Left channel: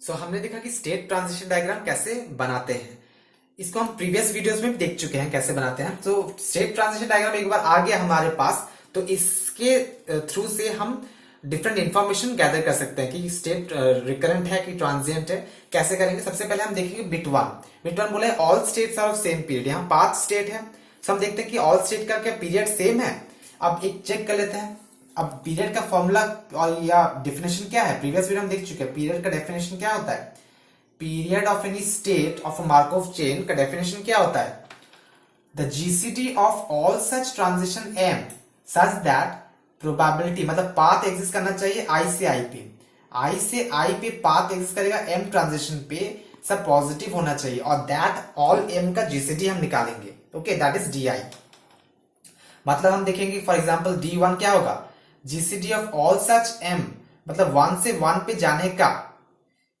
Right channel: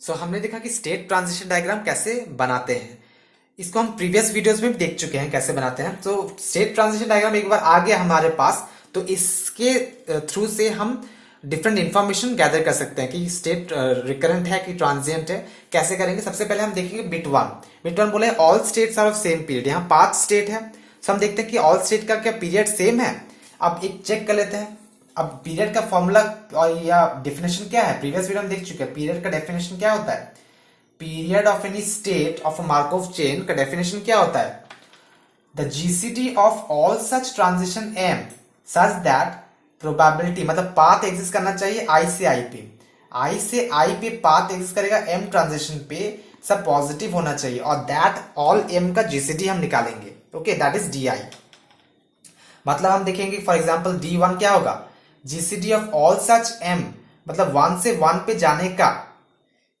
हमने देखा कि स्टेट ट्रांजिशन डायग्राम कैसे बनाते हैं। इसको हम प्रीवियस वीडियोस में भी देख चुके हैं कैसे बनाते हैं। तो स्टेट ट्रांजिशन डायग्राम एक बार आ गया हमारे पास, तो इसके थ्रू से हम डिफरेंट इंफॉर्मेशन गैदर कर सकते हैं कि स्टेट रिकरेंट है कि ट्रांजिएंट है। कैसे करेंगे? सबसे पहले हम देखेंगे बिट वन बोले all states are of same period. यहाँ 5 स्टेट है, तो हम देखते हैं कि ऑल स्टेट का क्या पीरियड सेम है। अब एक चेक कर लेते हैं। अब पीरियड का फॉर्मूला और या डेफिनेशन क्या है, प्रीवियस वीडियो में देख चुके हैं। पीरियड का डेफिनेशन क्या होता है? Period of any state of a Markov chain का डेफिनेशन क्या होता है? The GCD of all such transition am such that probability, मतलब पाथ एग्जिस्ट करना चाहिए आई से आई पे। आई से आई पे पाथ एग्जिस्ट करेगा एम ट्रांजिशन पे, सब पॉजिटिव होना चाहिए, और दैट ऑल एम का जीसीडी हम निकालेंगे। Okay, that is D I. मतलब हम देखेंगे फॉर एग्जाम्पल D1 क्या होगा? GCD of all such M, मतलब 1 से 1 पे जाने का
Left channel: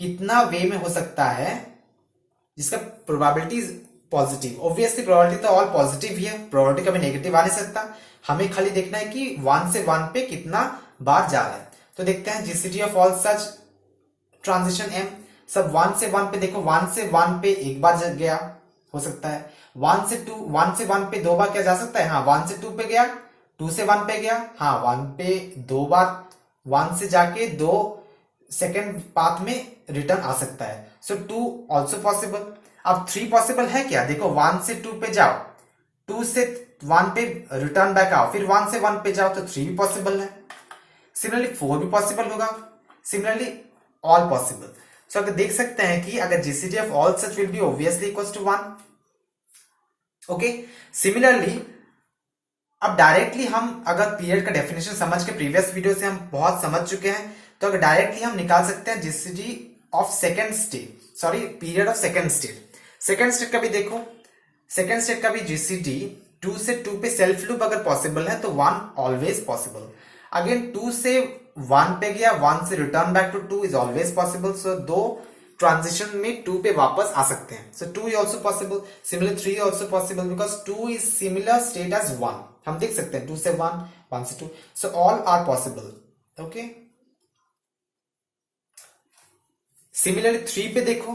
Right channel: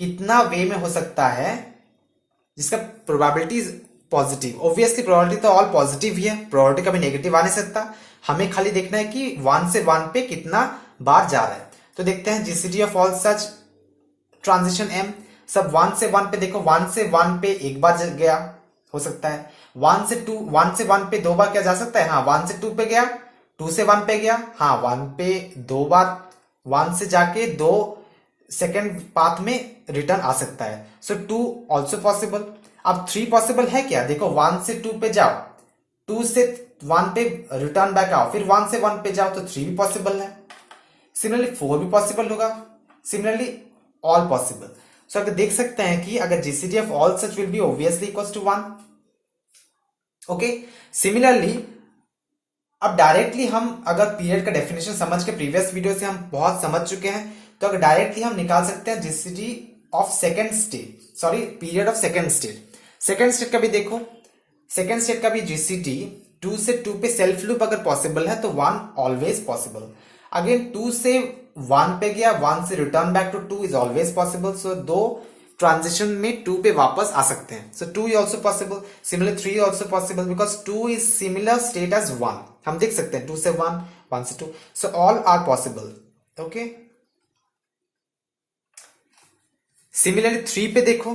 कितना वे में हो सकता है जिसका प्रोबेबिलिटी पॉजिटिव। ऑब्वियसली प्रोबेबिलिटी तो ऑल पॉजिटिव ही है, प्रोबेबिलिटी कभी नेगेटिव आ नहीं सकता। हमें खाली देखना है कि 1 से 1 पे कितना बार जा रहा है। तो देखते हैं GCD of all such transition M. सब 1 से 1 पे देखो, 1 से 1 पे एक बार गया हो सकता है। 1 से 1 पे 2 बार क्या जा सकता है? हाँ, 1 से 2 पे गया, 2 से 1 पे गया, हाँ 1 पे 2 बार, 1 से जाके 2 सेकेंड पाथ में रिटर्न आ सकता है। So 2 also possible. अब 3 पॉसिबल है क्या? देखो 1 से 2 पे जाओ, 2 से 1 पे रिटर्न बैक आओ, फिर 1 से 1 पे जाओ, तो 3 भी पॉसिबल है। सिमिलरली 4 भी पॉसिबल होगा, सिमिलरली ऑल पॉसिबल। सो अगर देख सकते हैं कि अगर GCD of all such will be obviously equals to 1। Okay, similarly अब डायरेक्टली हम अगर पीरियड का डेफिनेशन समझ के, प्रीवियस वीडियो से हम बहुत समझ चुके हैं, तो अगर डायरेक्टली हम निकाल सकते हैं GCD of second state, sorry period of second state. Second state का भी देखो, सेकेंड स्टेट का भी जीसीडी 2 से 2 पे सेल्फ लूप अगर पॉसिबल है तो 1 ऑलवेज पॉसिबल। अगेन 2 से 1 पे गया, 1 से return back to 2 is always possible. So 2 transition में 2 पे वापस आ सकते हैं। So 2 is also possible. Similar 3 also possible because 2 is similar state as 1। हम देख सकते हैं 2 से 1, 1 से 2, so all are possible. Okay, similarly 3 पे देखो,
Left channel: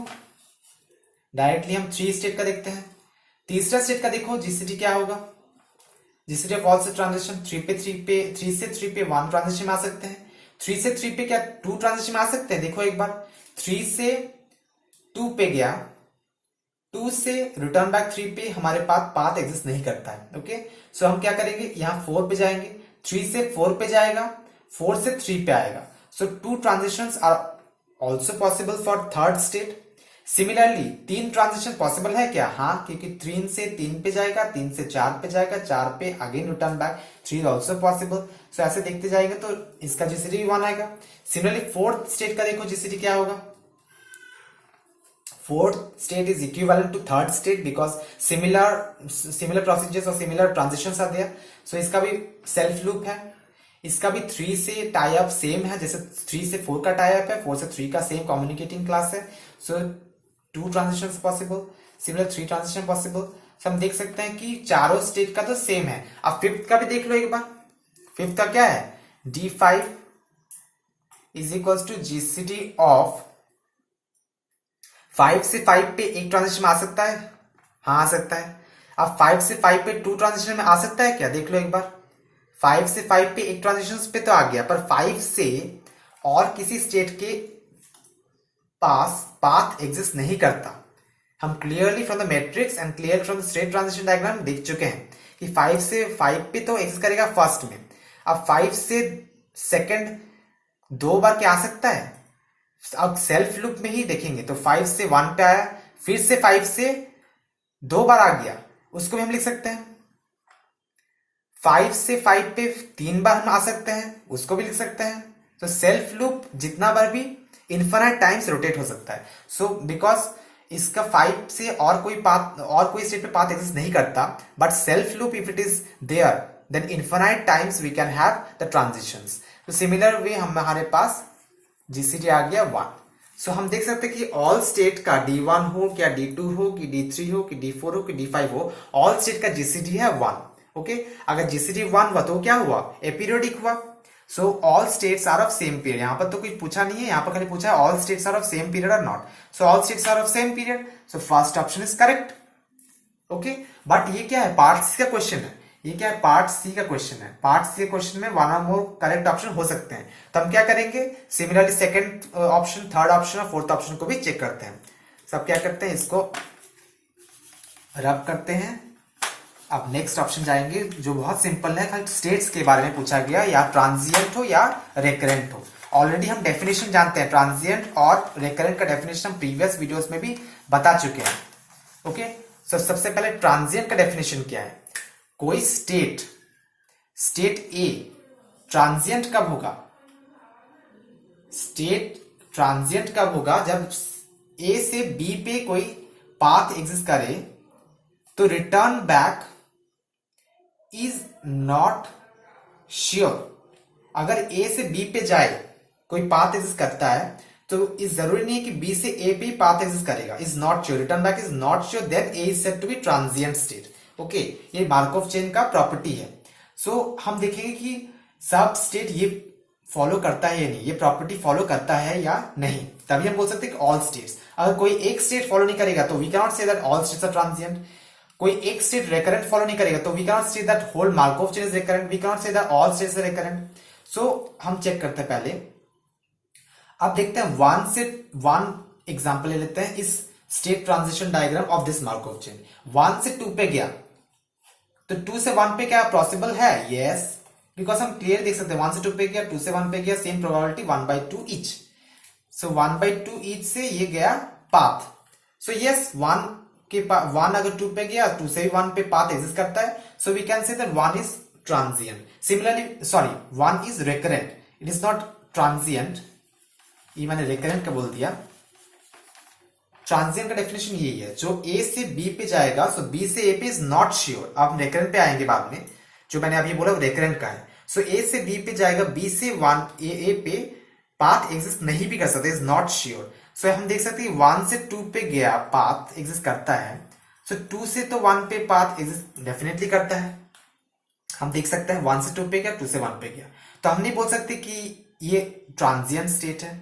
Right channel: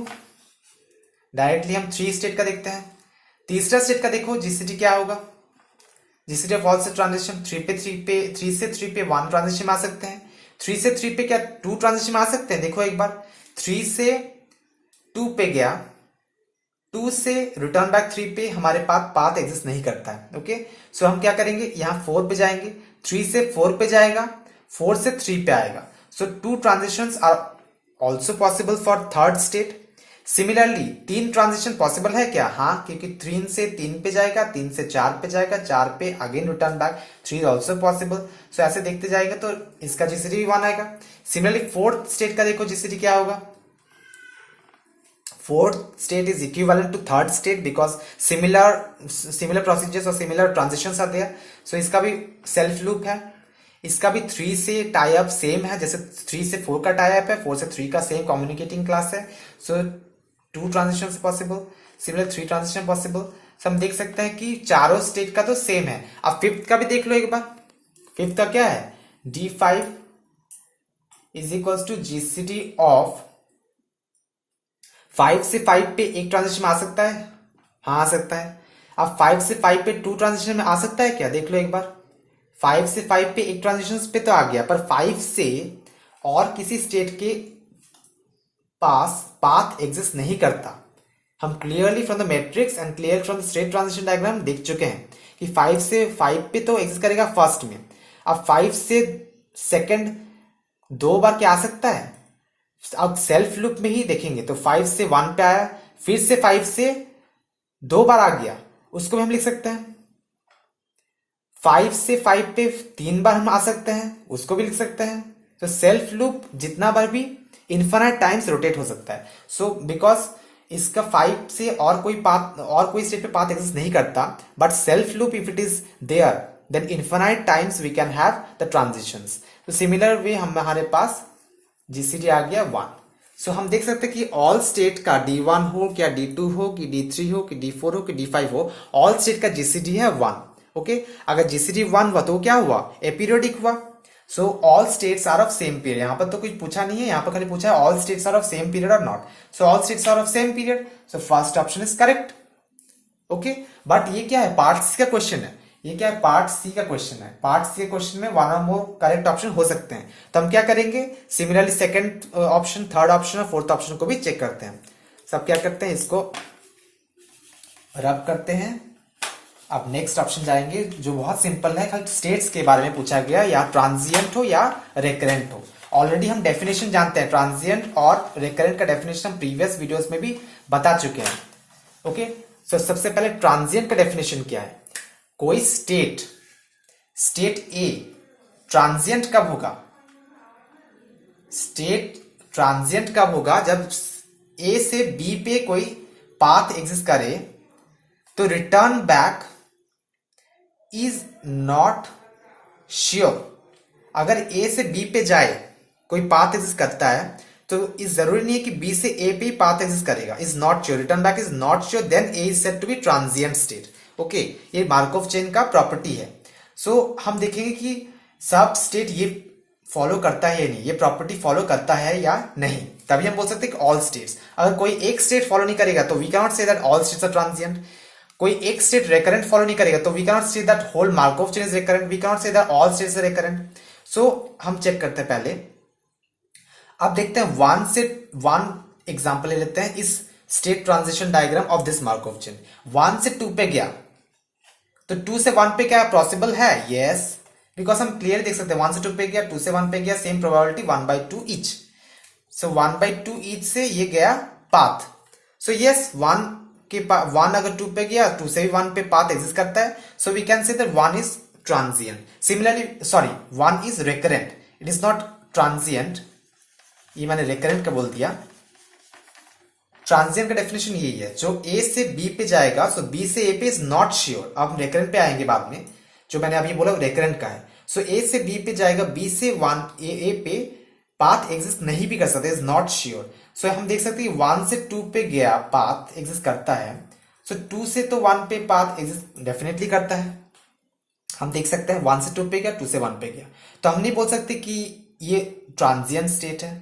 डायरेक्टली हम 3 स्टेट का देखते हैं। तीसरा स्टेट का देखो जीसीडी क्या होगा? जीसीडी ऑफ ऑल से ट्रांजिशन 3 से 3 पे 1 ट्रांजिशन में आ सकते हैं। 3 से 3 पे क्या 2 ट्रांजिशन में आ सकते हैं? देखो एक बार, 3 से 2 पे गया, 2 से रिटर्न बैक 3 पे हमारे पास पाथ एग्जिस्ट नहीं करता है। ओके, सो हम क्या करेंगे, यहां 4 पे जाएंगे, 3 से 4 पे जाएगा, 4 से 3 पे आएगा। So 2 transitions are also possible for third state. Similarly 3 transition possible है क्या? हाँ, क्योंकि 3 से 3 पे जाएगा, 3 से 4 पे जाएगा, 4 पे again return back, 3 also possible. So ऐसे देखते जाएंगे तो इसका जीसीडी भी 1 आएगा। सिमिलरली फोर्थ स्टेट का देखो जीसीडी क्या होगा? Fourth state is equivalent to third state because similar procedures और similar transitions are there. So इसका भी सेल्फ लूप है। इसका भी 3 से टाई अप सेम है, जैसे 3 से 4 का टाई अप है, 4 से 3 का सेम कम्युनिकेटिंग क्लास है। So 2 transition possible, similar 3 transition possible. So हम देख सकते हैं कि चारों स्टेट का तो सेम है। अब फिफ्थ का भी देख लो एक बार। फिफ्थ का क्या है? D5 is equals to GCD of 5 से 5 पे एक ट्रांजिशन में आ सकता है? हाँ, आ सकता है। अब 5 से 5 पे 2 ट्रांजिशन में आ सकता है क्या? देख लो एक बार, 5 से 5 पे एक ट्रांजिशन पे तो आ गया, पर 5 से और किसी स्टेट के पास पाथ एग्जिस्ट नहीं करता। हम clearly from the matrix and clear from the state transition diagram देख चुके हैं कि 5 से 5 पे तो एग्जिस्ट करेगा फर्स्ट में। अब 5 से सेकंड 2 बार क्या आ सकता है? अब सेल्फ लूप में ही देखेंगे तो 5 से 1 पे आया, फिर से 5 से 2 बार आ गया, उसको भी हम लिख सकते हैं। 5 से 5 पे 3 बार हम आ सकते हैं, उसको भी लिख सकते हैं। तो सेल्फ लूप जितना बार भी इन्फिनाइट टाइम्स रोटेट हो सकता है। सो बिकॉज इसका 5 से और कोई स्टेट पे पाथ एग्जिस्ट नहीं करता, but self loop if it is there then infinite times we can have the transitions. तो सिमिलर वे हमारे पास जीसीडी आ गया 1। सो हम देख सकते हैं कि ऑल स्टेट का D1 हो, क्या D2 हो, कि D3 हो, कि D4 हो, कि D5 हो, ऑल स्टेट का जीसीडी है 1। ओके, अगर जीसीडी 1 हुआ तो क्या हुआ? एपीरियोडिक हुआ। So all states are of same period, यहां पर तो कुछ पूछा नहीं है, यहां पर खाली पूछा है all states are of same period और not. So all states are of same period, so first option is correct. Okay, but ये क्या है, पार्ट सी का क्वेश्चन है, ये क्या है, पार्ट सी का क्वेश्चन है। पार्ट सी क्वेश्चन में वन और मोर करेक्ट ऑप्शन हो सकते हैं, तो हम क्या करेंगे, similarly second option, third option और फोर्थ ऑप्शन को भी चेक करते हैं। सब क्या करते हैं, इसको रब करते हैं। अब नेक्स्ट ऑप्शन जाएंगे जो बहुत सिंपल है, खाली स्टेट्स के बारे में पूछा गया, या ट्रांजिएंट हो या रेकरेंट हो। ऑलरेडी हम डेफिनेशन जानते हैं, ट्रांजिएंट और रेकरेंट का डेफिनेशन हम प्रीवियस वीडियोस में भी बता चुके हैं। ओके, तो सबसे पहले ट्रांजिएंट का डेफिनेशन क्या है, कोई स्टेट ए ट्रांजिएंट कब होगा, स्टेट ट्रांजिएंट कब होगा, जब ए से बी पे कोई पाथ एग्जिस्ट करे तो return back is not sure. अगर ए से बी पे जाए कोई पाथ एग्जिस्ट करता है तो इस जरूरी नहीं है कि बी से ए पे ही पाथ एग्जिस्ट करेगा, is not sure, return back is not sure, then A is said to be transient state. Okay, ये मार्कोव चेन का प्रॉपर्टी है। सो हम देखेंगे कि सब स्टेट ये फॉलो करता है या नहीं, ये प्रॉपर्टी फॉलो करता है या नहीं, तभी हम बोल सकते हैं कि ऑल स्टेट्स। अगर कोई एक स्टेट फॉलो नहीं करेगा तो we can not say that all states are transient. कोई एक स्टेट रेकरेंट फॉलो नहीं करेगा तो we can not say that whole Markov chain is recurrent, we can not say that all states are recurrent. So हम check करते हैं पहले। अब देखते हैं वन एग्जांपल ले लेते हैं इस state transition diagram of this Markov chain. 1 से 2 पे गया तो 2 से 1 पे क्या पॉसिबल है, यस, बिकॉज हम क्लियर देख सकते हैं 1 से 2 पे गया, 2 से 1 पे गया, सेम प्रोबेबिलिटी 1/2 ईच। सो 1/2 ईच से ये गया पाथ। सो यस, 1 अगर 2 पे गया, 2 से भी 1 पे पाथ एग्जिस्ट करता है, so we can say that 1 is transient. Similarly sorry, 1 is recurrent, it is not transient, ये मैंने रेकरेंट का बोल दिया। ट्रांजिएंट का डेफिनेशन यही है, जो ए से बी पे जाएगा, सो बी से ए पे इज नॉट श्योर। अब रेकरेंट पे आएंगे बाद में, जो मैंने अभी बोला रेकरेंट का है। सो ए से बी पे जाएगा, बी से ए पे पाथ एग्जिस्ट नहीं भी कर सकते, इज नॉट श्योर। सो हम देख सकते हैं 1 से 2 पे गया, पाथ एग्जिस्ट करता है। सो 2 से तो 1 पे पाथ एग्जिस्ट डेफिनेटली करता है, हम देख सकते हैं 1 से 2 पे गया, 2 से 1 पे गया, तो हम नहीं बोल सकते कि ये ट्रांजिएंट स्टेट है,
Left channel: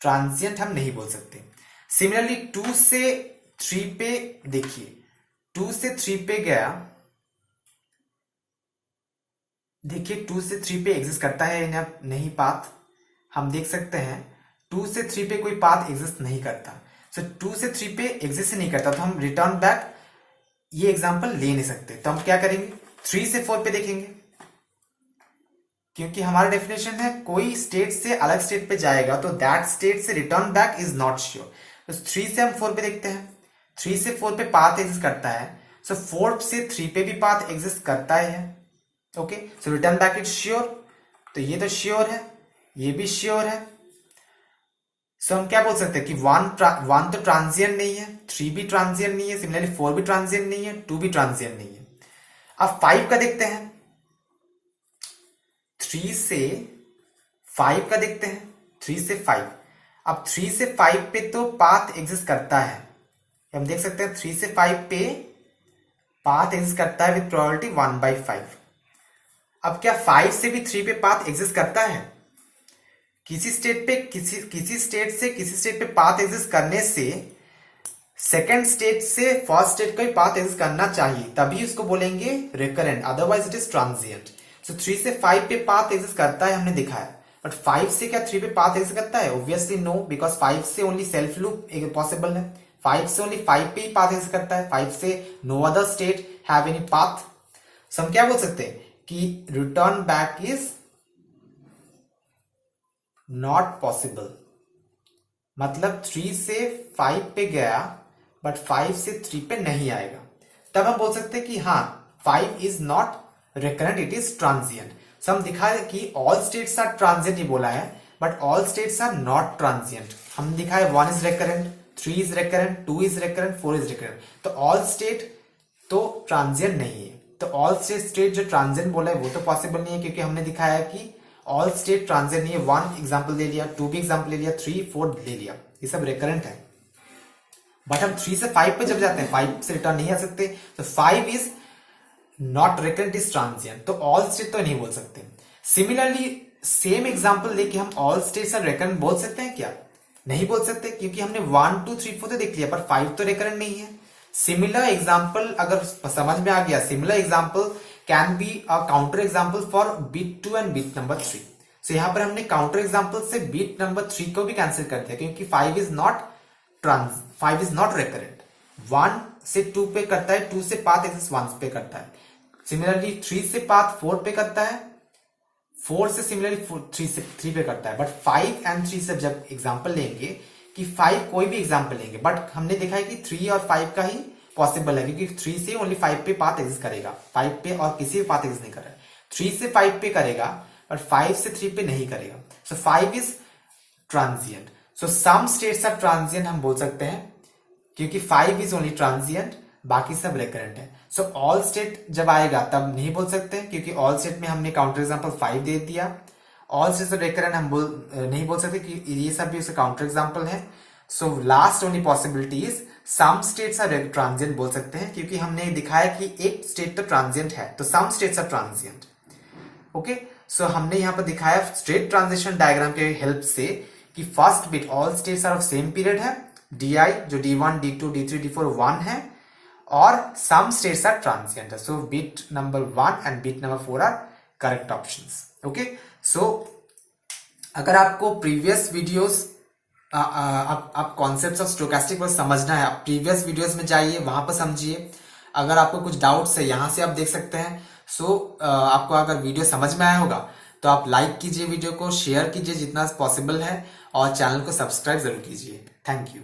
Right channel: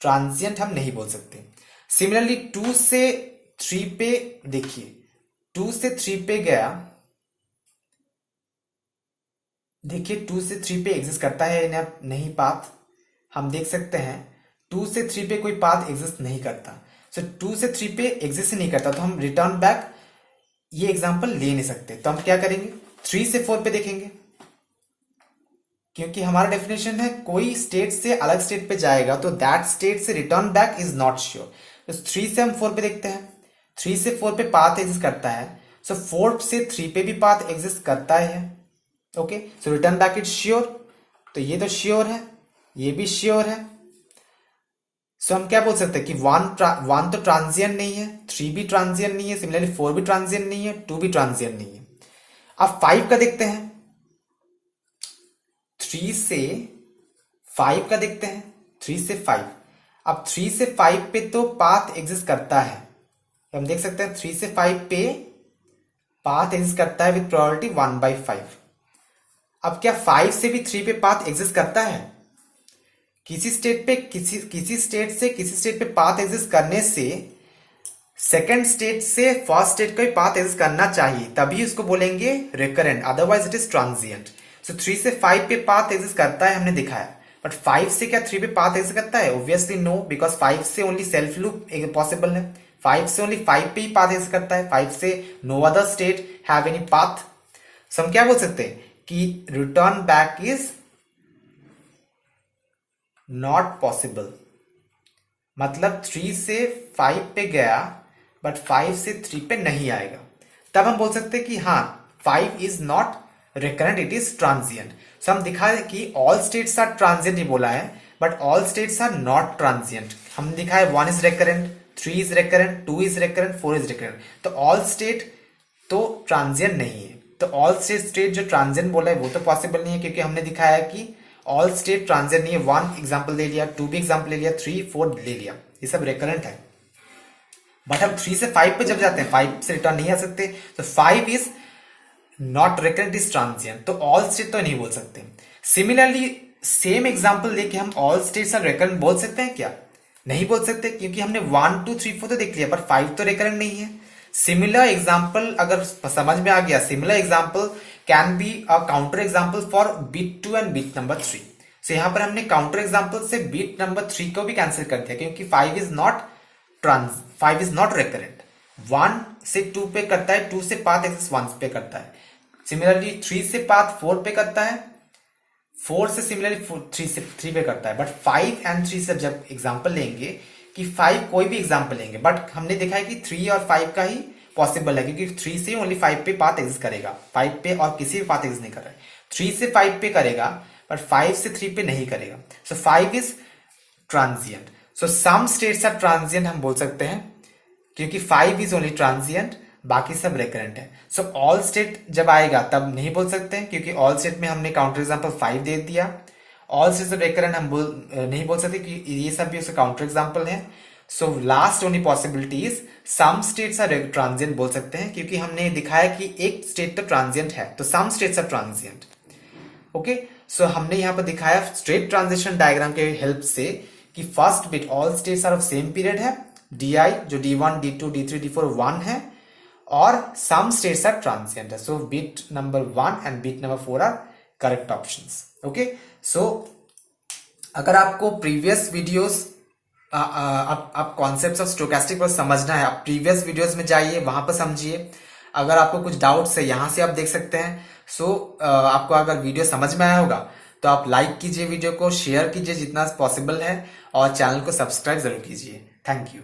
ट्रांजिएंट हम नहीं बोल सकते। सिमिलरली 2 से 3 पे देखिए, 2 से 3 पे गया, देखिए 2 से 3 पे एग्जिस्ट करता है या नहीं पाथ, हम देख सकते हैं 2 से 3 पे कोई पाथ एग्जिस्ट नहीं करता। सो 2 से 3 पे एग्जिस्ट नहीं करता, तो हम रिटर्न बैक ये एग्जांपल ले नहीं सकते। तो हम क्या करेंगे, 3 से 4 पे देखेंगे, क्योंकि हमारा डेफिनेशन है कोई स्टेट से अलग स्टेट पे जाएगा तो दैट स्टेट से return back is not sure. तो 3 से हम 4 पे देखते हैं, 3 से 4 पे पाथ एग्जिस्ट करता है, सो 4 से 3 पे भी पाथ एग्जिस्ट करता है। Okay, so return back is sure, तो ये तो श्योर है, ये भी श्योर है। सो हम क्या बोल सकते हैं कि 1 तो ट्रांजिएंट नहीं है, 3 भी ट्रांजिएंट नहीं है, सिमिलरली 4 भी ट्रांजिएंट नहीं है, 2 भी ट्रांजिएंट नहीं है। अब 5 का देखते हैं, 3 से 5 का देखते हैं, 3 से 5। अब 3 से 5 पे तो पाथ एग्जिस्ट करता है, हम देख सकते हैं 3 से 5 पे पाथ एग्जिस्ट करता है विद प्रोबेबिलिटी 1/5। अब क्या 5 से भी 3 पे पाथ एग्जिस्ट करता है, किसी स्टेट पे किसी स्टेट से किसी स्टेट पे पाथ एग्जिस्ट करने से सेकेंड स्टेट से फर्स्ट स्टेट का भी पाथ एग्जिस्ट करना चाहिए, तभी उसको बोलेंगे recurrent, otherwise it is transient. So 3 से 5 पे पाथ एग्जिस्ट करता है, हमने दिखाया, बट 5 से क्या 3 पे पाथ एग्जिस्ट करता है, ऑब्वियसली नो, बिकॉज 5 से ओनली सेल्फ लूप पॉसिबल है, 5 से ओनली 5 पे ही पाथ एग्जिस्ट करता है, 5 से no other state have any path. So हम क्या बोल सकते हैं कि return back is not possible, मतलब 3 से 5 पे गया बट 5 से 3 पे नहीं आएगा, तब हम बोल सकते हैं कि हाँ 5 is not recurrent, it is transient. So हम दिखाए कि ऑल स्टेट्स आर ट्रांजिएंट ही बोला है, but all states are not transient. हम दिखाए 1 is recurrent, 3 is recurrent, 2 is recurrent, 4 is recurrent, तो ऑल स्टेट तो ट्रांजिएंट नहीं है। तो ऑल स्टेट जो ट्रांजिएंट बोला है वो तो पॉसिबल नहीं है, क्योंकि हमने दिखाया कि ऑल स्टेट ट्रांजिएंट नहीं है। 1 एग्जाम्पल ले लिया, 2 भी एग्जाम्पल ले लिया, 3, 4 ले लिया, ये सब रिकरेंट है। बट हम 3 से 5 पे जब जाते हैं 5 से रिटर्न नहीं आ सकते, तो 5 is not recurrent, is transient, तो ऑल स्टेट तो नहीं बोल सकते। सिमिलरली सेम एग्जांपल लेके हम ऑल स्टेट्स आर रेकरेंट बोल सकते हैं क्या? नहीं बोल सकते, क्योंकि हमने 1 2 3 4 तो देख लिया, पर 5 तो रेकरेंट नहीं है। सिमिलर एग्जांपल अगर समझ में आ गया, similar example can be a counter example for beat 2 and beat number 3। So यहां पर हमने काउंटर एग्जांपल से बीट नंबर 3 को भी कैंसिल कर दिया, क्योंकि 5 इज नॉट रेकरेंट। 1 से 2 पे करता है, 2 से पाथ एक्सिस 1 पे करता है। सिमिलरली 3 से पाथ 4 पे करता है, 4 से सिमिलरली 3 पे करता है। बट 5 एंड 3 से जब एग्जांपल लेंगे, कि 5 कोई भी एग्जांपल लेंगे, बट हमने देखा है कि 3 और 5 का ही पॉसिबल है, क्योंकि 3 से ओनली 5 पे पाथ एग्जिस्ट करेगा, 5 पे और किसी भी पाथ एग्जिस्ट नहीं कर रहा है। 3 से 5 पे करेगा, बट 5 से 3 पे नहीं करेगा। So 5 is transient. So some states are transient हम बोल सकते हैं, क्योंकि 5 इज ओनली ट्रांजिएंट, बाकी सब रेकरेंट है। सो ऑल स्टेट जब आएगा तब नहीं बोल सकते हैं, क्योंकि ऑल स्टेट में हमने काउंटर एग्जांपल 5 दे दिया। ऑल स्टेट रेकरेंट हम नहीं बोल सकते, कि ये सब भी उसके काउंटर एग्जांपल है। So last only possibility is some states are transient बोल सकते हैं, क्योंकि हमने दिखाया कि एक स्टेट तो ट्रांजिएंट है, तो some states are transient. Okay, so हमने यहां पर दिखाया स्टेट ट्रांजिशन डायग्राम के हेल्प से कि first bit all states are of same period है, डी जो D1 D2 D3 D4 1 है, और सम स्टेट्स आर ट्रांजिएंट है। So bit number 1 and bit number 4 are correct options. Okay, so अगर आपको प्रीवियस वीडियोस आप कॉन्सेप्ट्स ऑफ स्टोकेस्टिक पर समझना है, आप प्रीवियस वीडियोस में जाइए, वहां पर समझिए। अगर आपको कुछ डाउट्स है, यहां से आप देख सकते हैं। सो आपको अगर वीडियो समझ में आया होगा तो आप लाइक कीजिए, वीडियो को शेयर कीजिए जितना पॉसिबल है, और चैनल को सब्सक्राइब जरूर कीजिए। Thank you.